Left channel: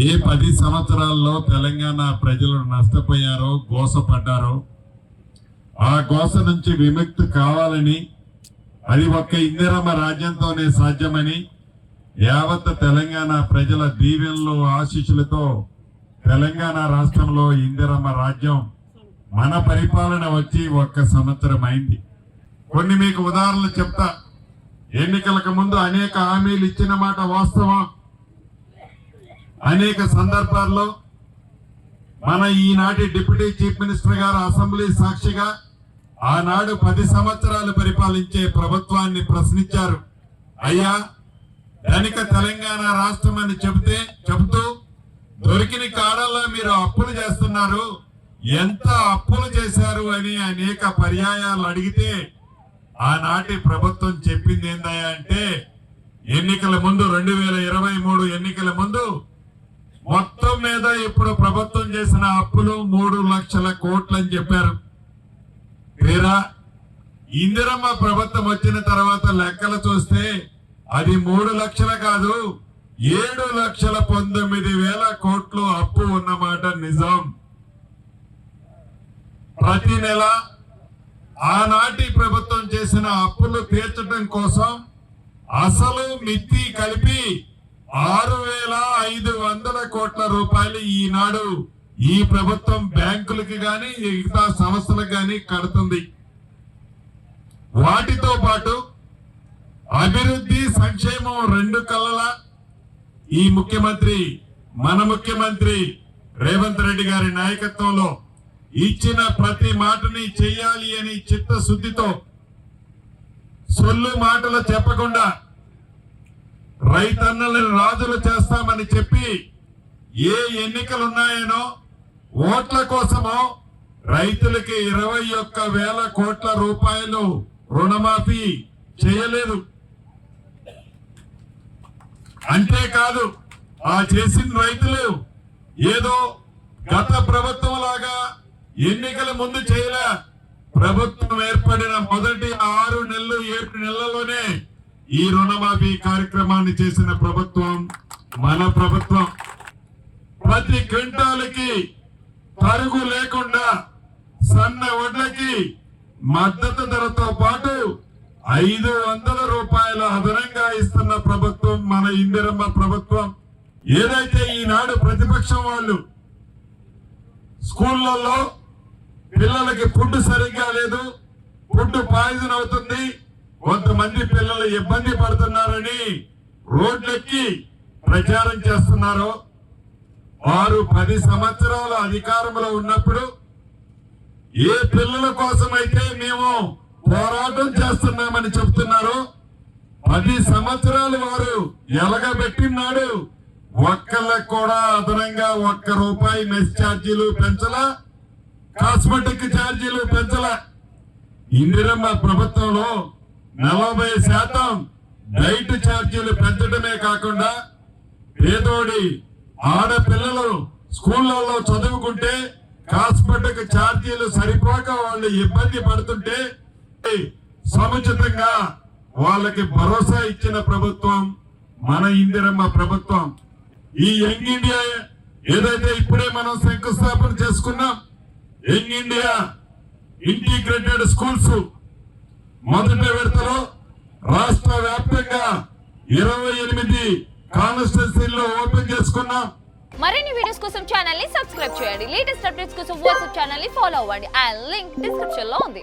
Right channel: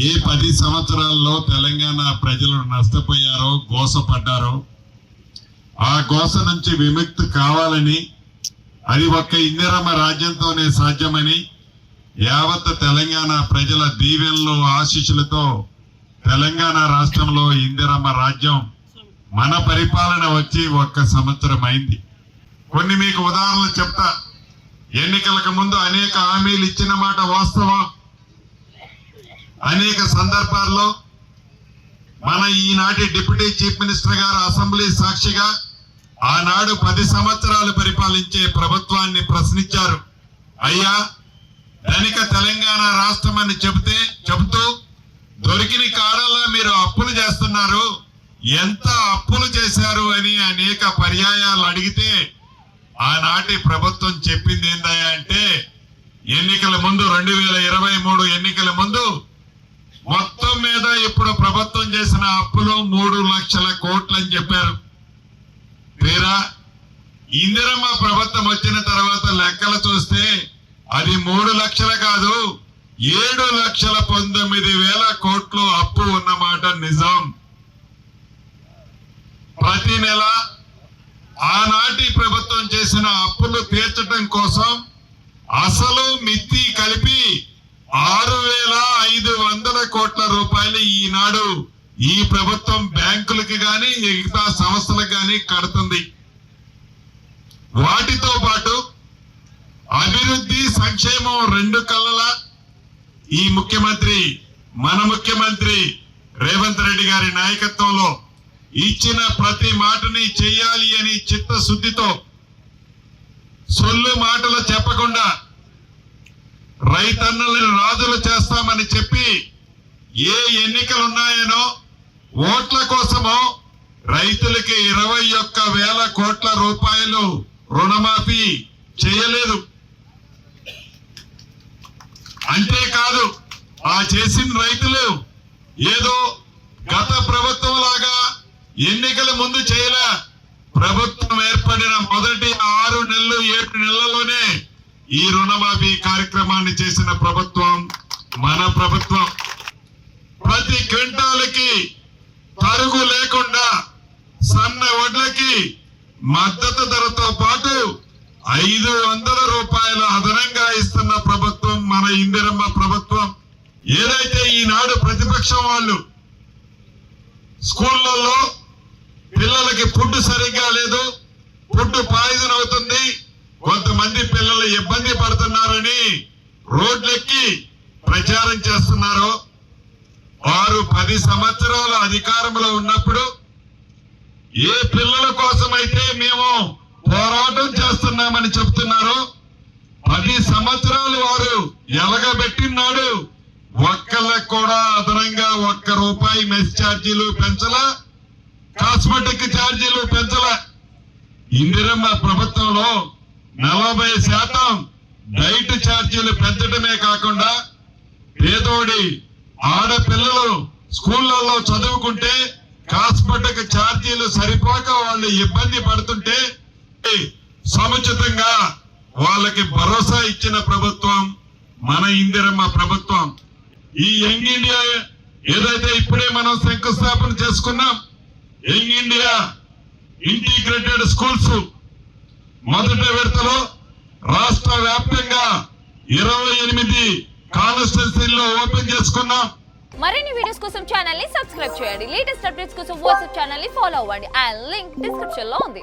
ఏ 10 సంవత్సరాల్లో తెలంగాణ ప్రజలు నష్టపోయారో, గోసపడ్డారో, ఆ గోస నుంచి విముక్తి కావాలని, అది ఒక్క ఇందిరమ్మ రాజ్యంతోనే సాధ్యమని, యావత్ తెలంగాణ ప్రజల దీవెనలు, ఆశీస్సులతో తెలంగాణ రాష్ట్రంలో ఇందిరమ్మ రాజ్యం మన పరిపాలన వచ్చి 1 సంవత్సరం అయింది. కొన్ని మీకు ఉదాహరణలు చెప్తా. ఎన్నికలకు ముందు అనేక హామీలు ఇచ్చిన మాట వాస్తవం. అనేక సందర్భాల్లో మన ఈనాటి డిప్యూటీ చీఫ్ మినిస్టర్ గారు అసెంబ్లీ సాక్షిగా ఆనాడు 10 సంవత్సరాలు పరిపాలించే ప్రభుత్వాన్ని ప్రశ్నించారు. అయ్యా, ధనిక తెలంగాణ రాష్ట్రం అని చెబుతూ దొరికిన కాడల్లో మీరు అప్పులు చేస్తున్నారు, ఎంత అప్పులు చేశారు అని అనేక పర్యాయాలు అడిగితే ఆనాటి ప్రభుత్వం చెప్పింది ఏందయ్యా అంటే, ఎన్నికల ముందు 2023 ఎన్నికల ముందు మొత్తం మీద ఇప్పుడు ప్రభుత్వం చేసిన అప్పులు 3 లక్షల కోట్లు అని చెప్పారు. తీరా ఇందిరమ్మ ప్రభుత్వం వచ్చిన తర్వాత లెక్కలు చూస్తే అది 3 లక్షలు కాదు, 7,19,000 కోట్లు అప్పు ఉన్నమాట నిజం. ప్రతి నెల ఆనాటి ప్రభుత్వం చేసిన అప్పులు తీర్చడం కోసం అసలు మిత్తి కలిపి 6,500 కోట్ల రూపాయలు ఈనాడు ఈ ప్రభుత్వం బ్యాంకులకి గాని మిగతా సంస్థలకు గాని కడుతుంది. వాటితో పాటు అభివృద్ధి, సంక్షేమం 2 కళ్ళలా ఈ మన ముఖ్యమంత్రి రేవంత్ రెడ్డి గారి నాయకత్వంలో ఇచ్చిన ప్రతి మాటని చెయ్యాలి అని చిత్తశుద్ధితో, సొల్లు మాటలు చెప్పకుండా రైతన్నలను రాజులు చేస్తామని చెప్పి ఏ ఎన్నికలు ఉన్నాయనో ఓట్ల కోసమో రైతులకి 21,000 కోట్ల రూపాయలు రుణమాఫీ చేయలేదు. అంతేకాదు, ఆ చేసిన రైతులు ఏదో గత ప్రభుత్వం లాగా ఎన్నికల ముందు చేయలే. ప్రభుత్వం ఏర్పడిన మొదటి 6 నెలలు 7 నెలల్లోనే ఈ రుణమాఫీ కార్యక్రమాన్ని చేసిన ప్రభుత్వం మన ప్రభుత్వం. ప్రతి క్వింటాలకి తరుగు లేకుండా సన్న వడ్లకి మద్దతు ధరతో పాటు 500 రూపాయల అదనంగా ఇస్తున్న ప్రభుత్వం మన ఇందిరమ్మ ప్రభుత్వం. ఏదైతే ఈనాడు ప్రతిపక్షం వాళ్ళు స్కూళ్లలో పిల్లలకి ఫుడ్ సరిగ్గా లేదు, ఫుడ్ పాయిజన్ అవుతుంది, కొంతమంది పిల్లలు ఇబ్బంది పడుతున్నారని రోడ్లెక్కి ప్రచారం చేస్తున్నారు. వారు 10 సంవత్సరాల అధికారంలో ఉన్నప్పుడు ఏ పిల్లల కోసమైతే మేము పోరాటం చేస్తున్నామని చెప్తున్నారు, 10 సంవత్సరాలు వారు ఎలగబెట్టినాడు. ఒక్కళ్ళకు కూడా అదనంగా 1 రూపాయి మెస్ ఛార్జీలు పెంచలా, కాస్మెటిక్ ఛార్జీలు పెంచలా. ఇందిరమ్మ ప్రభుత్వంలో 40% డైట్ ఛార్జీలు పెంచడమే కాకుండా పేదోడి ఆడపిల్లలు స్కూళ్లలో చదువుకుంటే కాస్మెటిక్ ఛార్జీలు సరిపోక వాళ్ళు ఇబ్బంది పడుతుంటే సముచితంగా వాళ్ళకి భరోసా ఇచ్చిన ప్రభుత్వం మన ఇందిరమ్మ ప్రభుత్వం. ఈ యంగ్ ఇండియా ఏదైతే ఇప్పుడే మనం శంకుస్థాపన చేసుకున్నాం, యంగ్ ఇండియా ఇంటిగ్రేటెడ్ స్కూల్స్ మొదటి విడతలో రాష్ట్ర వ్యాప్తంగా 28 కాన్స్టిట్యూన్సీల్లో ఓపెన్ చేసుకున్నాం. మరిన్ని వీడియోస్ కోసం ఛానల్ ని సబ్స్క్రైబ్ చేయండి. లేటెస్ట్ అప్డేట్స్ కోసం వాట్సాప్ ఛానల్ ని ఫాలో అవ్వండి. ఆ లింక్ డిస్క్రిప్షన్ లో ఉంది.